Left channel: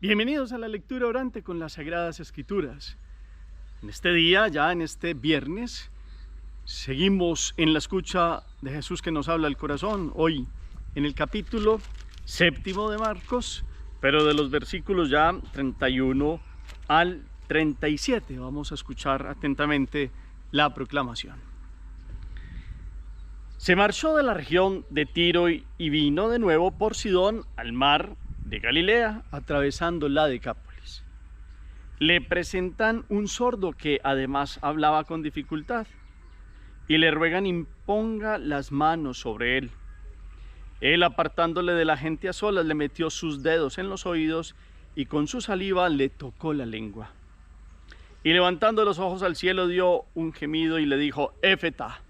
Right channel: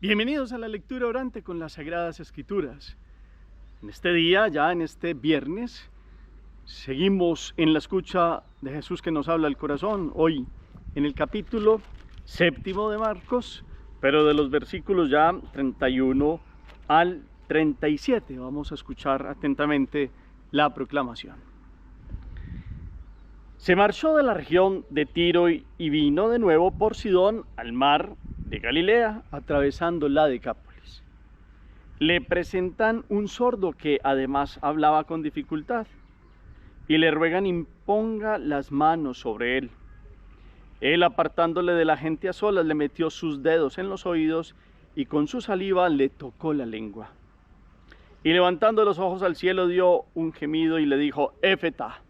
Bienvenidos a la lectura orante con las Sagradas Escrituras. En este día, ya en este viernes, seguimos en la escucha de Jesús que nos habla al corazón. Hoy en el capítulo 7 de Marcos, pero de los versículos ya 31 al 37. Vamos a escuchar atentamente la proclamación. Se marchó de la región de Tiro y vino de nuevo por Sidón al mar de Galilea, atravesando la Decápolis. Le presentan un sordo que además hablaba con dificultad y le ruegan imponga las manos sobre él. Él, apartándole de la gente a solas, le metió sus dedos en los oídos y con su saliva le tocó la lengua. Y levantando los ojos al cielo dio un gemido y le dijo: Éfeta,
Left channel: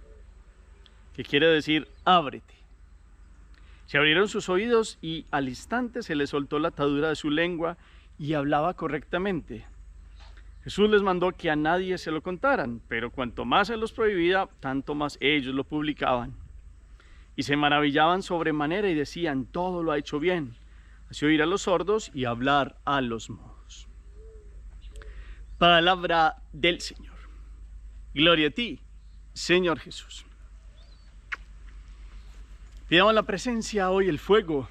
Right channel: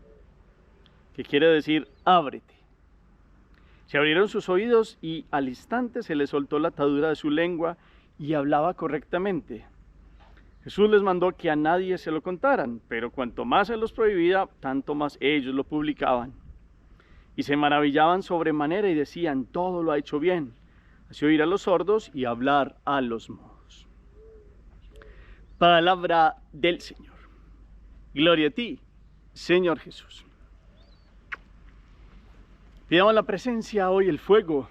que quiere decir ábrete. Se abrieron sus oídos y al instante se le soltó la atadura de su lengua y hablaba correctamente. Jesús les mandó que a nadie se lo contaran, pero cuanto más se los prohibía, tanto más ellos lo publicaban. Y se maravillaban sobremanera y decían: todo lo ha hecho bien, así oír a los sordos y hablar a los mudos. Palabra del Señor. Gloria a ti, Señor Jesús. Pidamos la presencia hoy, el fuego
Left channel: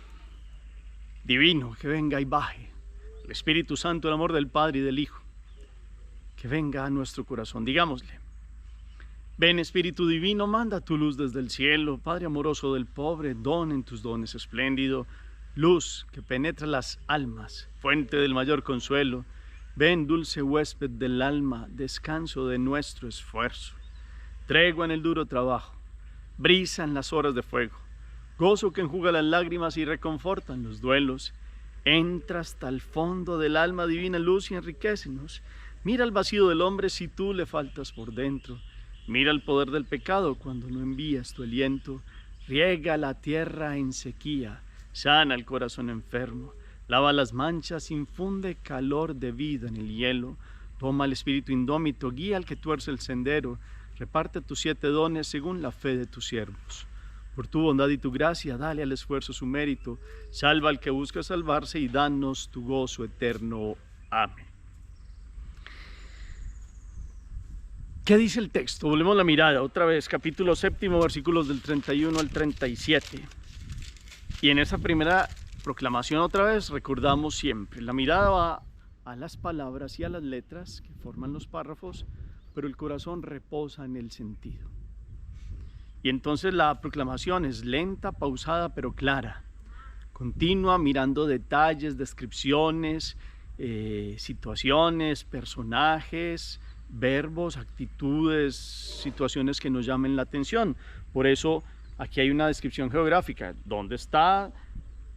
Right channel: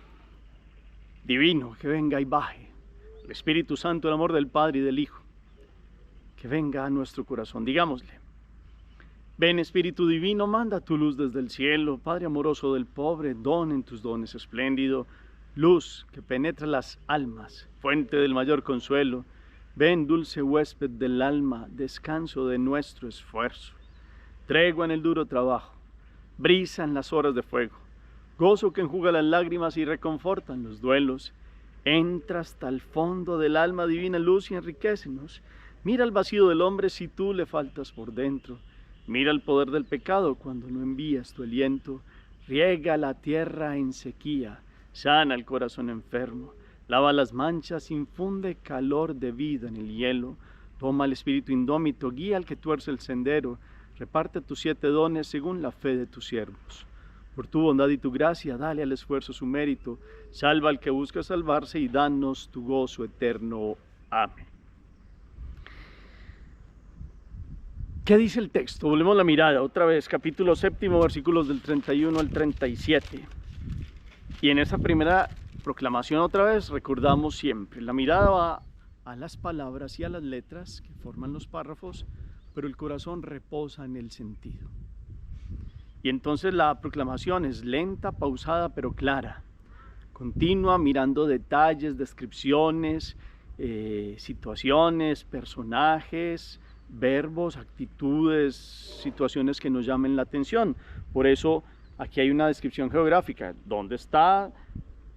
divino que venga y baje, el Espíritu Santo, el amor del Padre y del Hijo, que venga a nuestro corazón. Digámosle: ven Espíritu Divino, manda tu luz desde el cielo, Padre amoroso del pobre, don en tus dones espléndido, luz que penetra las almas, fuente del mayor consuelo. Ven, dulce huésped del alma, descanso de nuestro esfuerzo, tregua en el duro trabajo, brisa en las horas de fuego, gozo que enjuga las lágrimas y reconforta en los duelos. Entra hasta el fondo del alma, divina luz, y enriquécenos. Mira el vacío del hombre si tú le faltas por dentro. Mira el poder del pecado cuando no envías tu aliento. Riega la tierra en sequía, sana el corazón enfermo. Lava las manchas, infunde calor de vida en el hielo. Toma el espíritu indómito, guía al que tuerce el sendero. Reparte tus 7 dones según la fe de tus siervos. Por tu bondad y tu gracia, dale al esfuerzo su mérito. Salva al que busca salvarse y danos tu gozo eterno. Amén. ¿Qué dice el texto? Volvemos la mirada otra vez, capítulo 7, versículos del 31 al 37. Y en esa primera proclamación otra vez recordamos siempre, la mirada va a las palabras y a las letras que forman los párrafos, pero el corazón reposa en el sentido. Y entonces la proclamación es lenta, pausada, pero clara, continua, mirando detalles, descripciones, situaciones, personajes, verbos, actitudes, situaciones que nos llamen la atención. Por eso aquí hay una descripción geográfica: dónde está,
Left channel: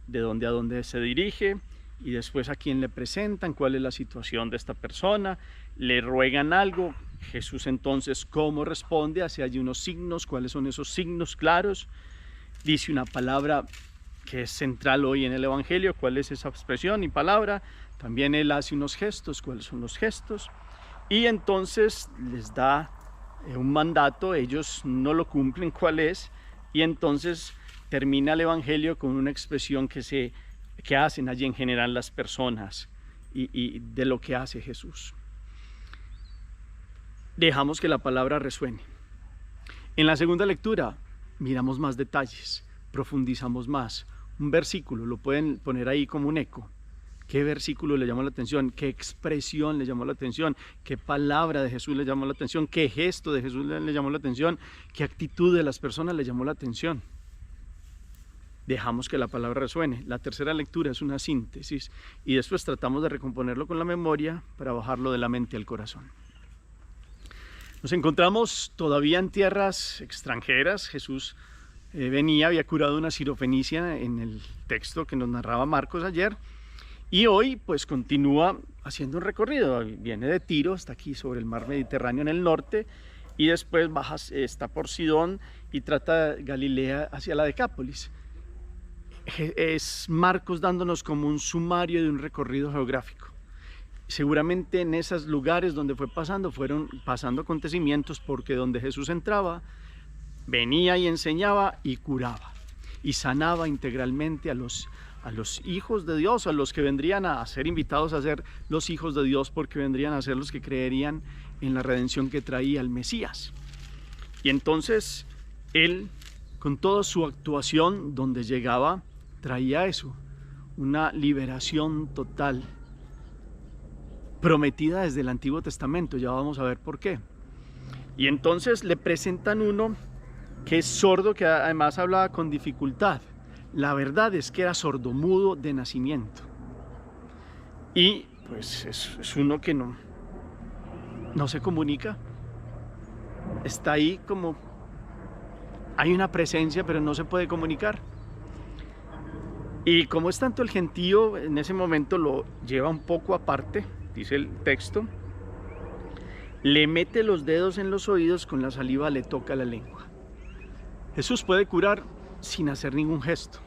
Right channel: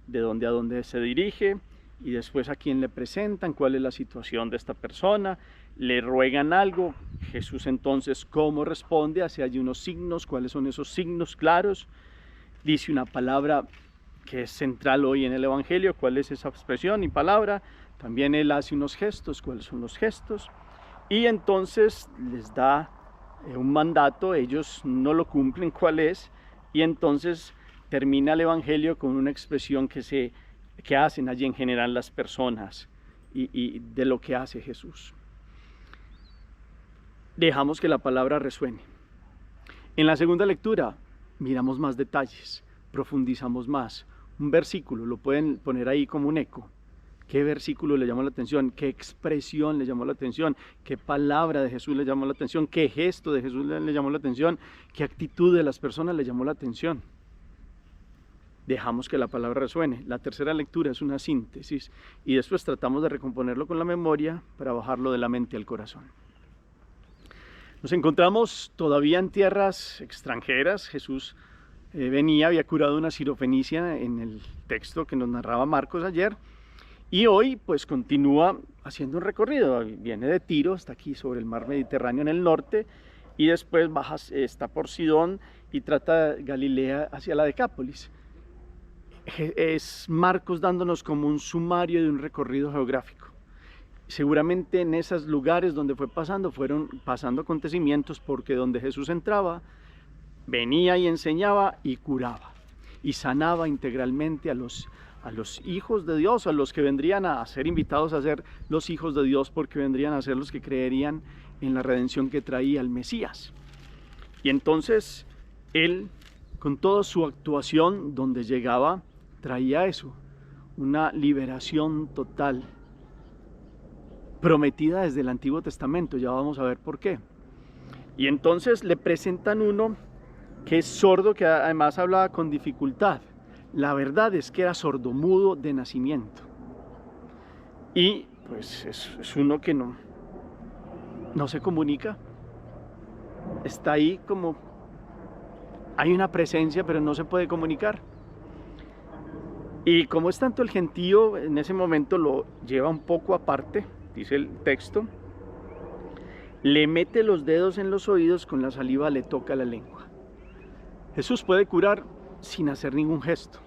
de dónde a dónde se dirige, y después a quién le presentan, cuál es la situación de esta persona, le ruegan algo. Jesús entonces, ¿cómo responde? Hace allí unos signos. ¿Cuáles son esos signos claros? Dice una palabra que es central hoy en el Evangelio. ¿Cuál es esa expresión y palabra? También él hace unos gestos. ¿Cuáles son los gestos? Y entonces les da un mandato, ellos no lo cumplen. ¿Cuál es? Y entonces termina el Evangelio con una expresión que hacen allí en general las personas y de lo que hace Jesús. Dejamos que la palabra resuene. En la segunda lectura miramos más detalles, profundizamos más. Un versículo lo pueden poner ahí como un eco. ¿Qué versículo le llamó la atención? ¿Qué expresión le llamó la atención? ¿Qué palabra de Jesús le llamó la atención? ¿Qué gesto de Jesús le llamó la atención? ¿Qué actitud de las personas le llamó la atención? Dejamos que la palabra resuene. La tercera lectura es una síntesis y después tratamos de recomponerlo con la memoria para bajarlo de la mente al corazón. Nos encontramos todavía en tierras extranjeras. Jesús había curado una sirofenicia en el texto que nos narraba Marcos ayer, y hoy pues continúa haciendo un recorrido. Viene de Tiro, está aquí sobre el mar Mediterráneo en el norte, y después está por Sidón y trata Galilea hacia la Decápolis. Es Marcos dándonos como un sumario de un recorrido geográfico. Seguramente en esos lugares donde fueron pasando acontecimientos, porque donde Jesús entraba, venía y enseñaba y curaba y sanaba integralmente a a los hijos de Dios, a los que vendrían a ser invitados a ser los hijos de Dios, porque vendrían a ser los que creerían en la redención que traía el Mesías. Y entonces él, con toda su actuación donde llegaba, traía eso, una liberación total, prometida desde el Antiguo Testamento. Ya vamos a ver por qué. Y entonces le presentan uno que es sordo, que además hablaba con dificultad. La verdad es que era sordomudo de nacimiento. Y pues es uno que no se comunica. Está ahí como, hay una presencia, pero no se puede comunicar. Y como es tanto el gentío, en ese momento lo lleva un poco aparte, dice el texto. Le mete los dedos en los oídos, con la saliva le toca la lengua. Jesús puede curar sin hacer ningún gesto,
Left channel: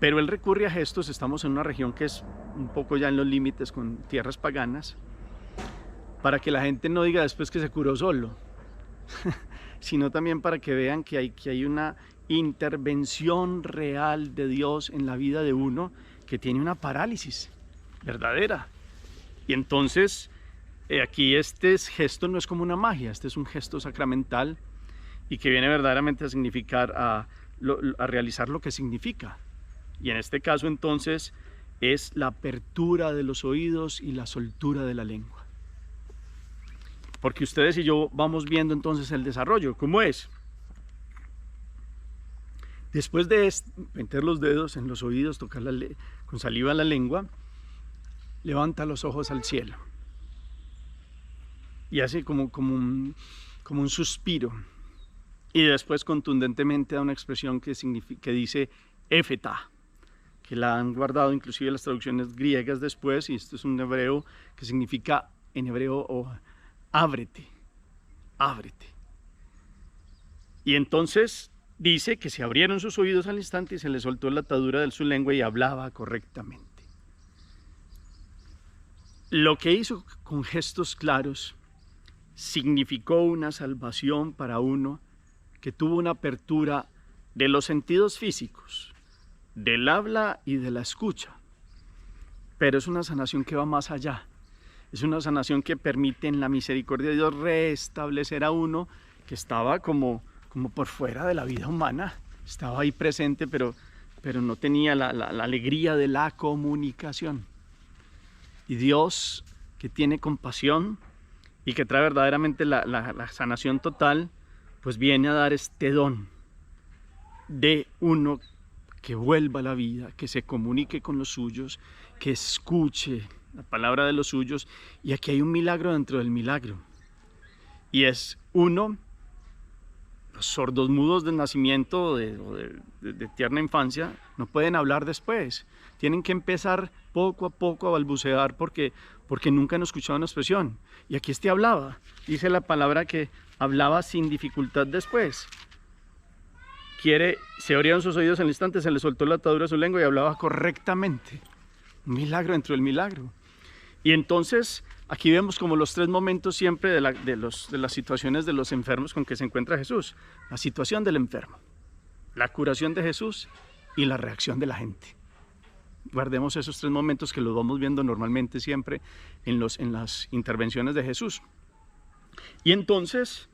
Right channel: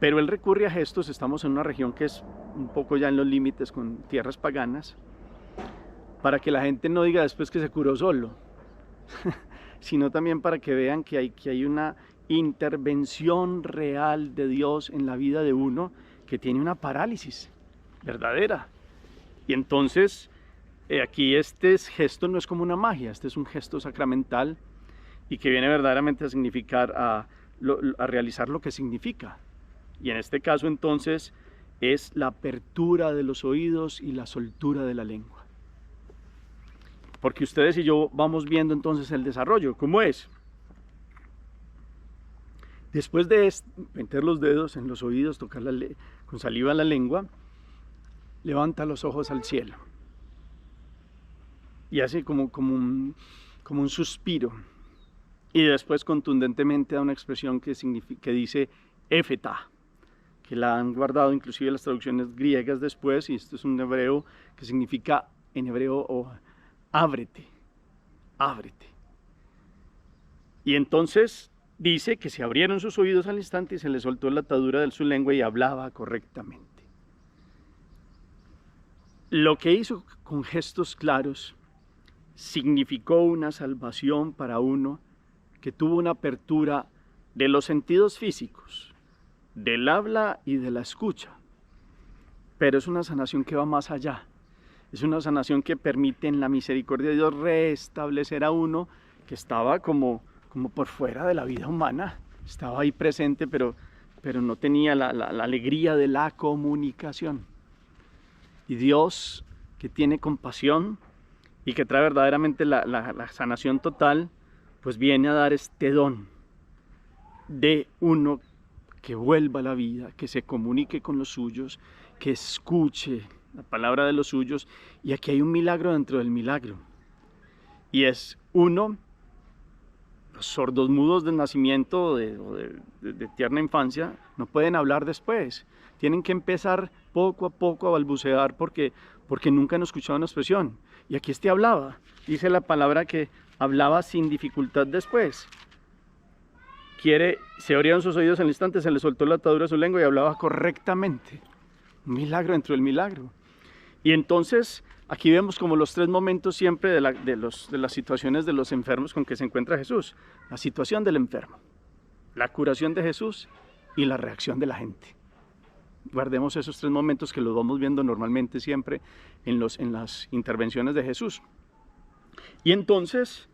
pero él recurre a gestos. Estamos en una región que es un poco ya en los límites con tierras paganas, para que la gente no diga después que se curó solo, sino también para que vean que hay una intervención real de Dios en la vida de uno que tiene una parálisis verdadera. Y entonces aquí este gesto no es como una magia, este es un gesto sacramental y que viene verdaderamente a significar, a realizar lo que significa. Y en este caso entonces es la apertura de los oídos y la soltura de la lengua. Porque ustedes y yo vamos viendo entonces el desarrollo, ¿cómo es? Después de meter los dedos en los oídos, tocar con saliva la lengua, levanta los ojos al cielo y hace como un suspiro, y después contundentemente da una expresión que dice éfeta, que la han guardado inclusive las traducciones griegas después, y esto es un hebreo que significa en hebreo ábrete, ábrete. Y entonces dice que se abrieron sus oídos al instante y se le soltó la atadura de su lengua y hablaba correctamente. Lo que hizo con gestos claros significó una salvación para uno que tuvo una apertura de los sentidos físicos, del habla y de la escucha. Pero es una sanación que va más allá. Es una sanación que permite en la misericordia de Dios restablecer a uno que estaba como por fuera de la vida humana. Estaba ahí presente, pero no tenía la alegría de la comunicación. Y Dios, que tiene compasión y que trae verdaderamente la sanación total, pues viene a dar este don de uno que vuelva a la vida, que se comunique con los suyos, que escuche la palabra de los suyos. Y aquí hay un milagro dentro del milagro, y es uno, los sordos mudos del nacimiento de tierna infancia no pueden hablar después, tienen que empezar poco a poco a balbucear porque nunca han escuchado una expresión. Y aquí hablaba, dice la palabra que hablaba sin dificultad después. Se abrieron sus oídos en el instante, se le soltó la atadura de su lengua y hablaba correctamente. Un milagro dentro del milagro. Y entonces aquí vemos como los tres momentos siempre de las situaciones de los enfermos con que se encuentra Jesús. La situación del enfermo, la curación de Jesús y la reacción de la gente. Guardemos esos tres momentos que los vamos viendo normalmente siempre en las intervenciones de Jesús. Y entonces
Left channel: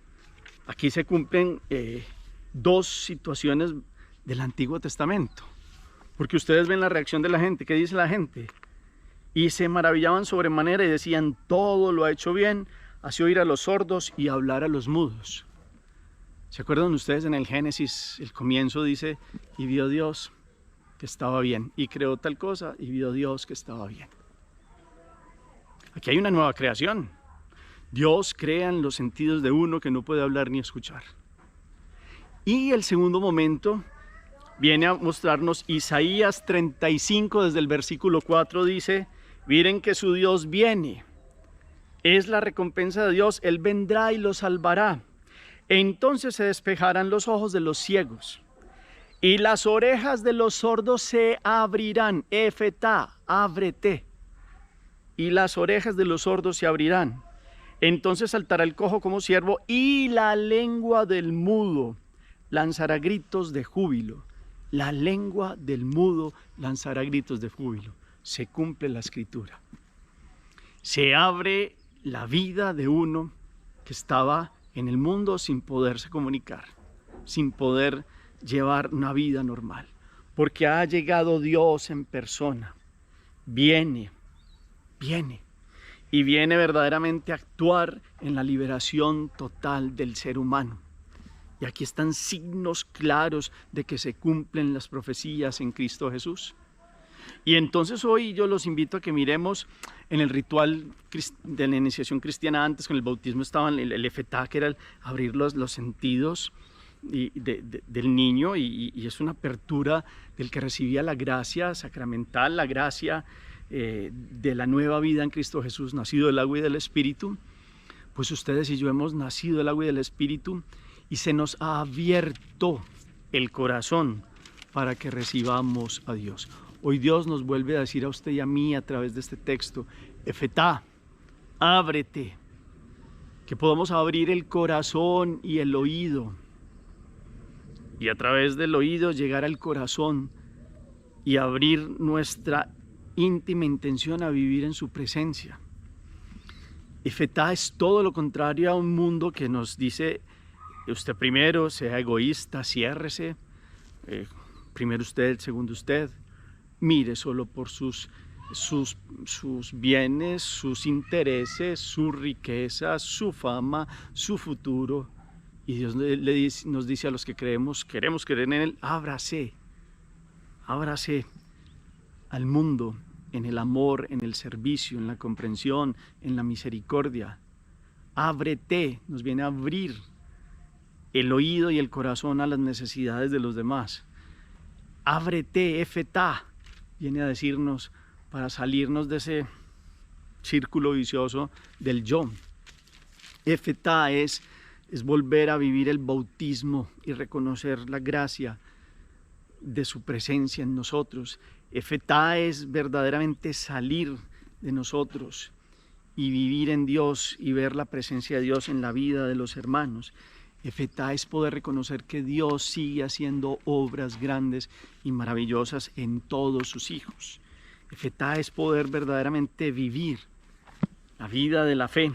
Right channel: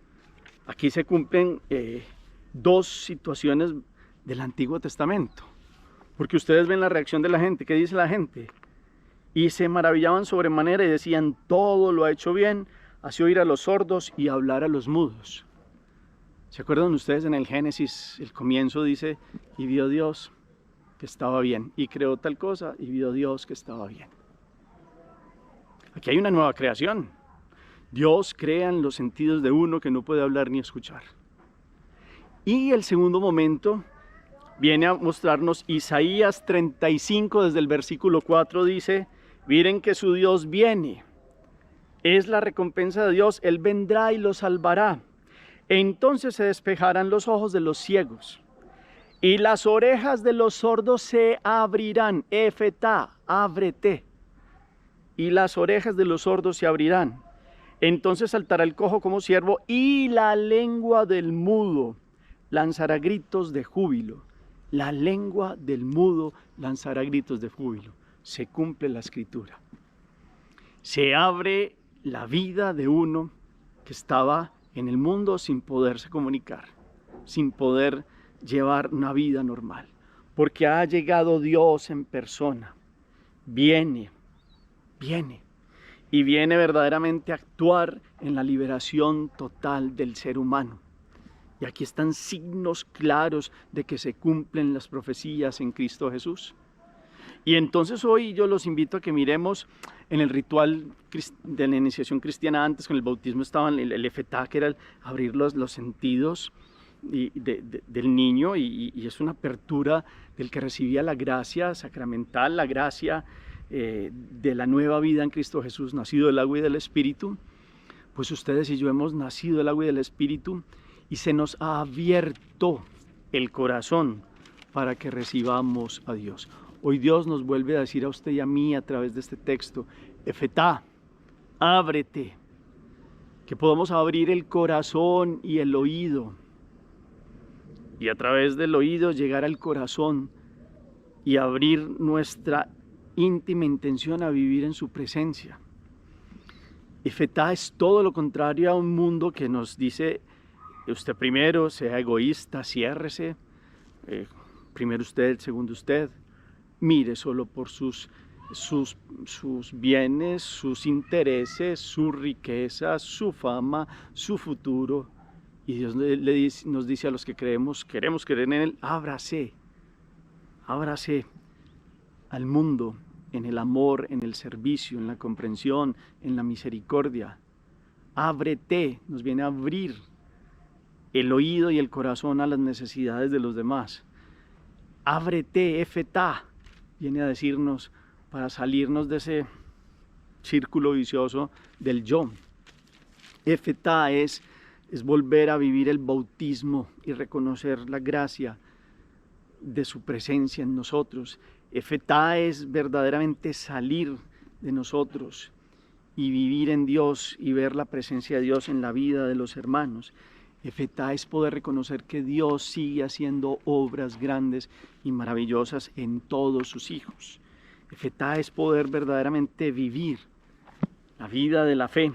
aquí se cumplen dos situaciones del Antiguo Testamento, porque ustedes ven la reacción de la gente. ¿Qué dice la gente? Y se maravillaban sobremanera y decían: todo lo ha hecho bien, hace oír a los sordos y hablar a los mudos. ¿Se acuerdan ustedes en el Génesis? El comienzo dice: y vio Dios que estaba bien, y creó tal cosa, y vio Dios que estaba bien. Aquí hay una nueva creación. Dios crea en los sentidos de uno que no puede hablar ni escuchar. Y el segundo momento viene a mostrarnos Isaías 35, desde el versículo 4, dice: miren que su Dios viene, es la recompensa de Dios, Él vendrá y los salvará. Entonces se despejarán los ojos de los ciegos y las orejas de los sordos se abrirán. Efetá, ábrete. Y las orejas de los sordos se abrirán. Entonces saltará el cojo como ciervo y la lengua del mudo lanzará gritos de júbilo. La lengua del mudo lanzará gritos de júbilo. Se cumple la escritura. Se abre la vida de uno que estaba en el mundo sin poderse comunicar, sin poder llevar una vida normal, porque ha llegado Dios en persona. Viene y viene verdaderamente a actuar en la liberación total del ser humano. Y aquí están signos claros de que se cumplen las profecías en Cristo Jesús. Y entonces hoy yo los invito a que miremos en el ritual de la iniciación cristiana. Antes con el bautismo estaba el efetá, que era el abrir los sentidos del niño, y es una apertura del que recibía la gracia sacramental, la gracia de la nueva vida en Cristo Jesús, nacido del agua y del Espíritu. Pues ustedes y yo hemos nacido del agua y del Espíritu, y se nos ha abierto el corazón para que recibamos a Dios. Hoy Dios nos vuelve a decir a usted y a mí a través de este texto: efetá, ábrete, que podamos abrir el corazón y el oído, y a través del oído llegar al corazón y abrir nuestra íntima intención a vivir en su presencia. Efetá es todo lo contrario a un mundo que nos dice: usted primero, sea egoísta, ciérrese, primero usted, segundo usted, mire solo por sus bienes, sus intereses, su riqueza, su fama, su futuro. Y Dios nos dice a los que queremos creer en Él: ábrase al mundo, en el amor, en el servicio, en la comprensión, en la misericordia. Ábrete, nos viene a abrir el oído y el corazón a las necesidades de los demás. Ábrete, efetá, viene a decirnos para salirnos de ese círculo vicioso del yo. Efetá es volver a vivir el bautismo y reconocer la gracia de su presencia en nosotros. Efetá es verdaderamente salir de nosotros y vivir en Dios y ver la presencia de Dios en la vida de los hermanos. Efetá es poder reconocer que Dios sigue haciendo obras grandes y maravillosas en todos sus hijos. Efetá es poder verdaderamente vivir la vida de la fe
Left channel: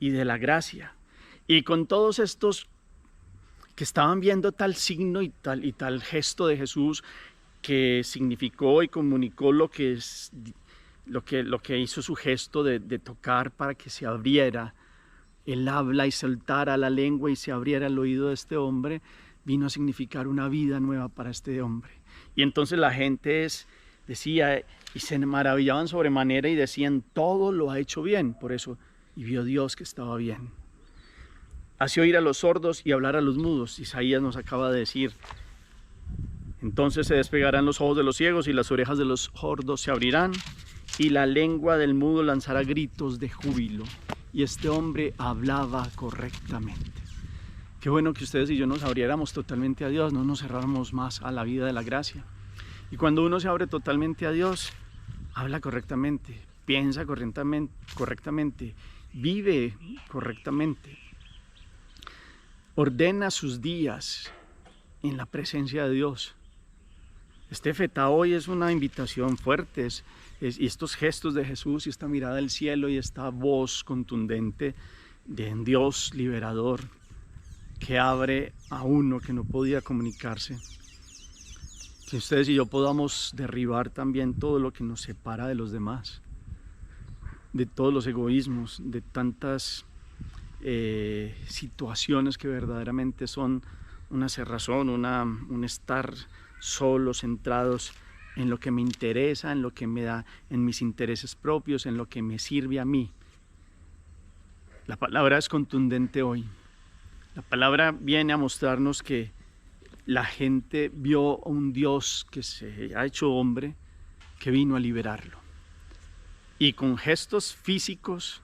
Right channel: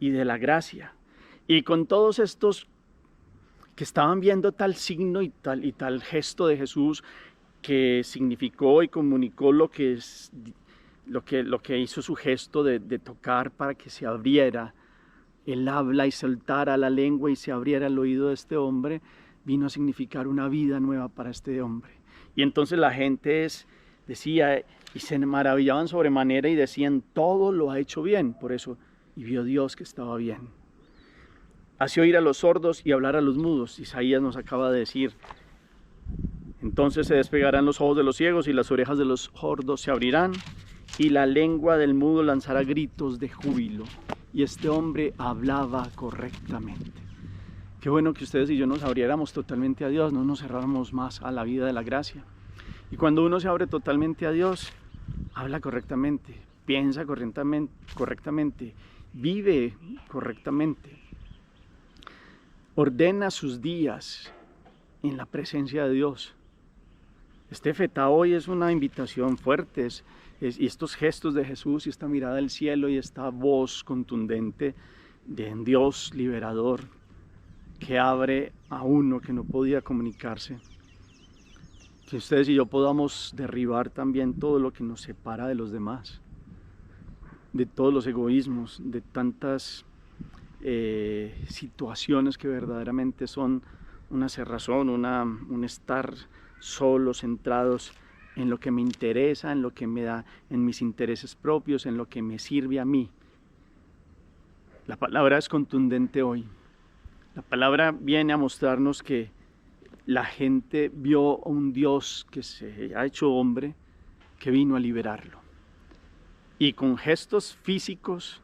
y de la gracia. Y con todos estos que estaban viendo tal signo y tal gesto de Jesús, que significó y comunicó lo que hizo su gesto de tocar para que se abriera el habla y soltara la lengua y se abriera el oído de este hombre, vino a significar una vida nueva para este hombre. Y entonces la gente decía, y se maravillaban sobremanera y decían: todo lo ha hecho bien. Por eso, y vio Dios que estaba bien. Hace oír a los sordos y hablar a los mudos. Isaías nos acaba de decir: entonces se despegarán los ojos de los ciegos y las orejas de los sordos se abrirán, y la lengua del mudo lanzará gritos de júbilo. Y este hombre hablaba correctamente. Qué bueno que ustedes y yo nos abriéramos totalmente a Dios, no nos cerráramos más a la vida de la gracia. Y cuando uno se abre totalmente a Dios, habla correctamente, piensa correctamente, vive correctamente, ordena sus días en la presencia de Dios. Este efetá hoy es una invitación fuerte, y estos gestos de Jesús y esta mirada del cielo y esta voz contundente de un Dios liberador que abre a uno que no podía comunicarse. Que ustedes y yo podamos derribar también todo lo que nos separa de los demás, de todos los egoísmos, de tantas situaciones que verdaderamente son una cerrazón, un estar solos, centrados en lo que me interesa, en lo que me da, en mis intereses propios, en lo que me sirve a mí. La palabra es contundente hoy. La palabra viene a mostrarnos que la gente vio a un Dios que se ha hecho hombre, que vino a liberarlo. Y con gestos físicos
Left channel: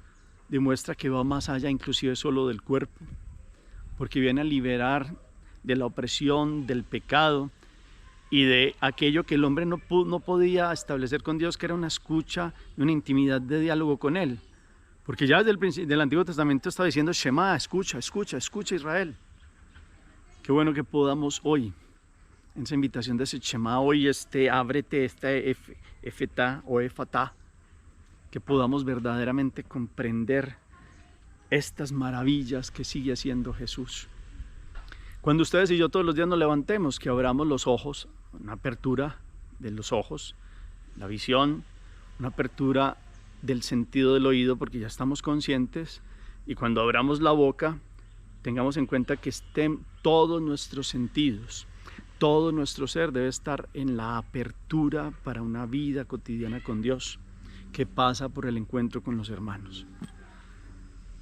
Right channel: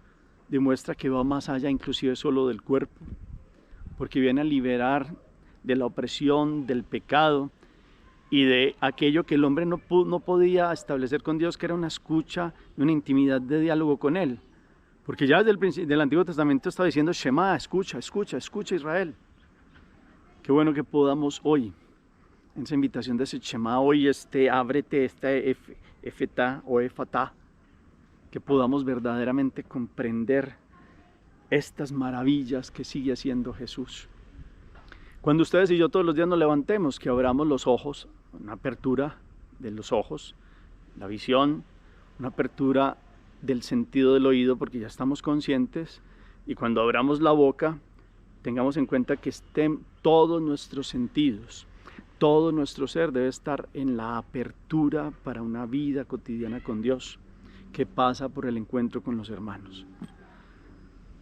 demuestra que va más allá inclusive solo del cuerpo, porque viene a liberar de la opresión, del pecado, y de aquello que el hombre no podía establecer con Dios, que era una escucha y una intimidad de diálogo con Él. Porque ya desde el principio del Antiguo Testamento está diciendo: Shema, escucha Israel. Qué bueno que podamos hoy en esa invitación de ese Shema hoy, ábrete, efetá o efatá, que podamos verdaderamente comprender estas maravillas que sigue haciendo Jesús. Cuando ustedes y yo todos los días nos levantemos, que abramos los ojos, una apertura de los ojos, la visión, una apertura del sentido del oído, porque ya estamos conscientes, y cuando abramos la boca, tengamos en cuenta que estén todos nuestros sentidos, todo nuestro ser debe estar en la apertura para una vida cotidiana con Dios, que pasa por el encuentro con los hermanos.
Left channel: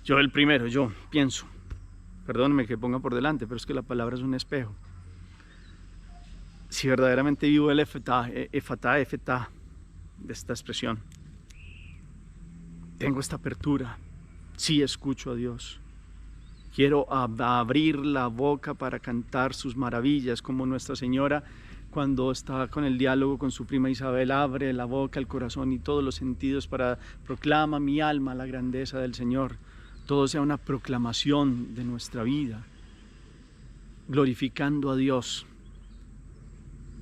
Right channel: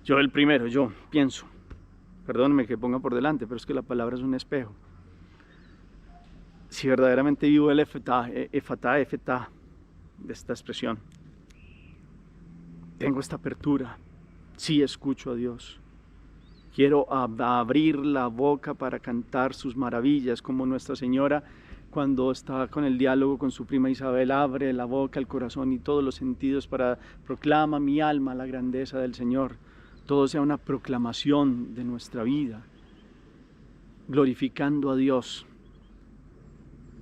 Yo pienso, perdónenme que ponga por delante, pero es que la palabra es un espejo. Si verdaderamente vivo el efatá de esta expresión, tengo esta apertura, sí escucho a Dios. Quiero abrir la boca para cantar sus maravillas, como Nuestra Señora cuando está con el diálogo con su prima Isabel, abre la boca, el corazón y todos los sentidos para proclama mi alma la grandeza del Señor. Todo sea una proclamación de nuestra vida, glorificando a Dios.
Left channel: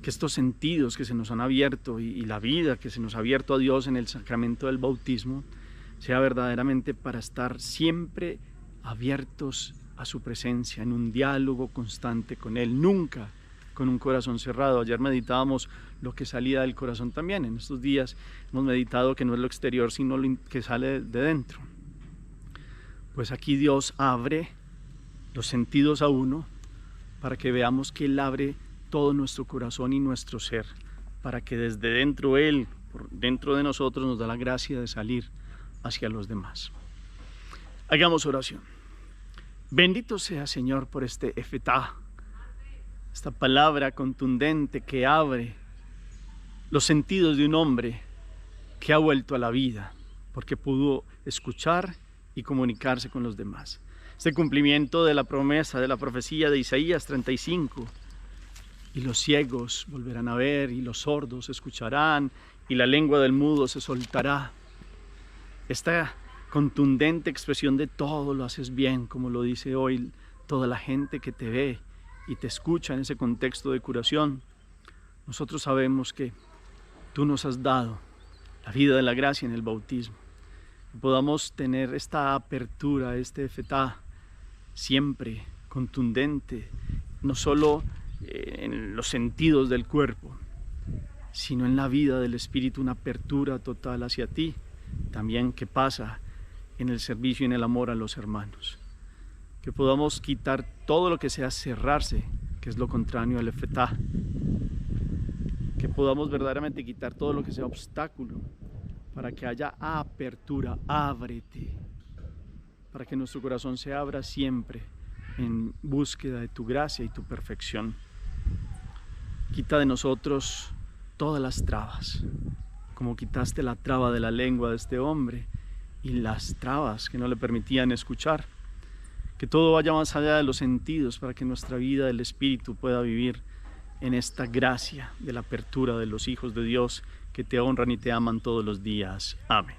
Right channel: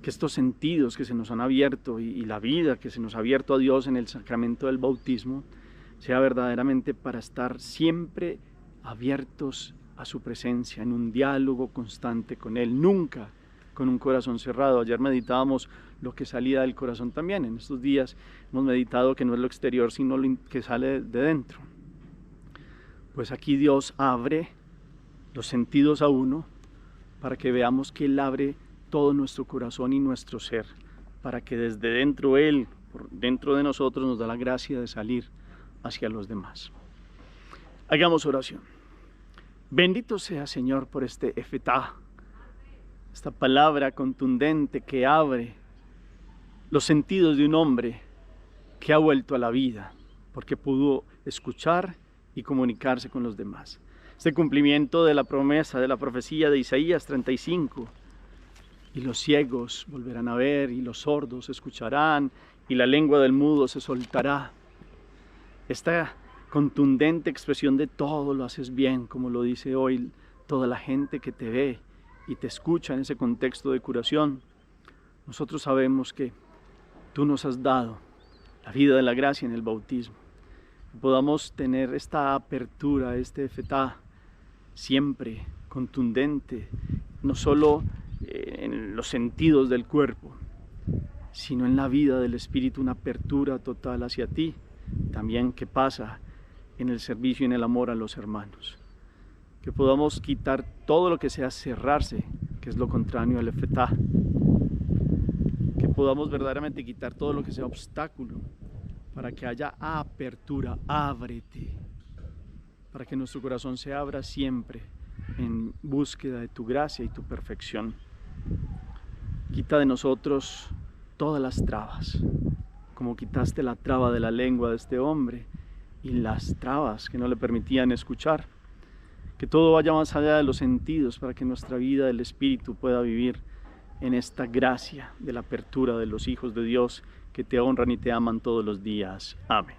Que estos sentidos que se nos han abierto y la vida que se nos ha abierto a Dios en el sacramento del bautismo sea verdaderamente para estar siempre abiertos a su presencia, en un diálogo constante con Él, nunca con un corazón cerrado. Ayer meditábamos lo que salía del corazón también. En estos días hemos meditado que no es lo exterior, sino lo que sale de dentro. Pues aquí Dios abre los sentidos a uno para que veamos que Él abre todo nuestro corazón y nuestro ser, para que desde dentro Él, por dentro de nosotros, nos da la gracia de salir hacia los demás. Hagamos oración. Bendito sea, Señor, por este efetá, esta palabra contundente que abre los sentidos de un hombre que ha vuelto a la vida, porque pudo escuchar y comunicarse con los demás. Este cumplimiento de la promesa, de la profecía de Isaías 35, y los ciegos volverán a ver, y los sordos escucharán, y la lengua del mudo se soltará. Esta contundente expresión de todo lo haces bien, como lo dice hoy toda la gente que te ve y te escucha en ese contexto de curación. Nosotros sabemos que tú nos has dado la vida de la gracia en el bautismo. Que podamos tener esta apertura, este efetá, siempre contundente, no solo en los sentidos del cuerpo, sino en la vida del Espíritu, una apertura total hacia ti, también que pasa en el servicio y en el amor a los hermanos. Que podamos quitar todo lo que sea cerrarse, que es lo contrario al efetá. Que podamos verdaderamente quitar todo lo que sea obstáculo, para que haya apertura, ábrete, para que nuestro corazón se abra siempre en búsqueda de tu gracia y tu perfección. Quita de nosotros todas las trabas, como quitaste la traba de la lengua de este hombre y las trabas que no le permitían escuchar. Que todo vaya más allá de los sentidos para que nuestra vida del Espíritu pueda vivir en esta gracia de la apertura de los hijos de Dios que te honran y te aman todos los días. Amén.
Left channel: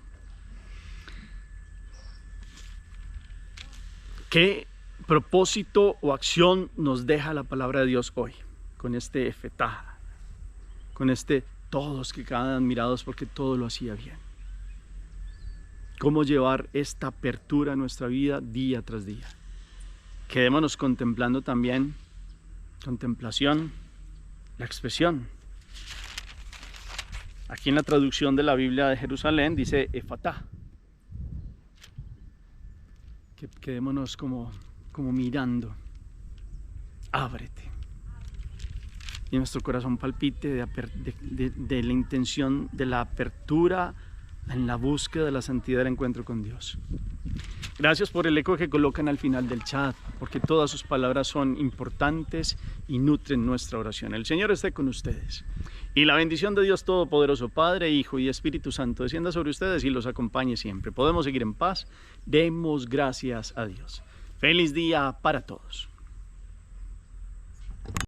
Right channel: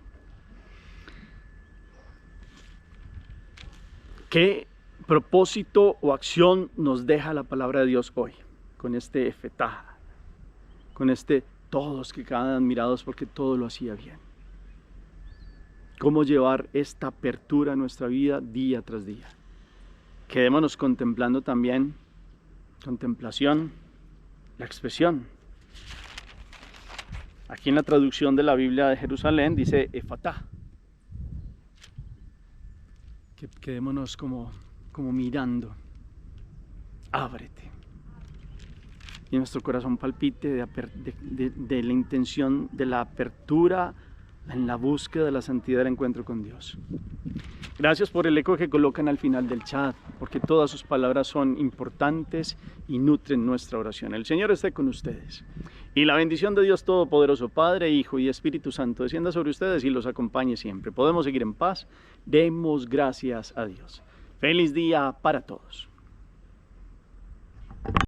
¿Qué propósito o acción nos deja la palabra de Dios hoy? Con este efetá, con este todos que quedan admirados porque todo lo hacía bien. ¿Cómo llevar esta apertura a nuestra vida día tras día? Quedémonos contemplando también, contemplación, la expresión. Aquí en la traducción de la Biblia de Jerusalén dice efatá. Quedémonos como mirando, ábrete. Y nuestro corazón palpite de la intención de la apertura en la búsqueda de la santidad del encuentro con Dios. Gracias por el eco que colocan al final del chat, porque todas sus palabras son importantes y nutren nuestra oración. El Señor esté con ustedes. Y la bendición de Dios Todopoderoso, Padre, Hijo y Espíritu Santo, descienda sobre ustedes y los acompañe siempre. Podemos seguir en paz. Demos gracias a Dios. Feliz día para todos.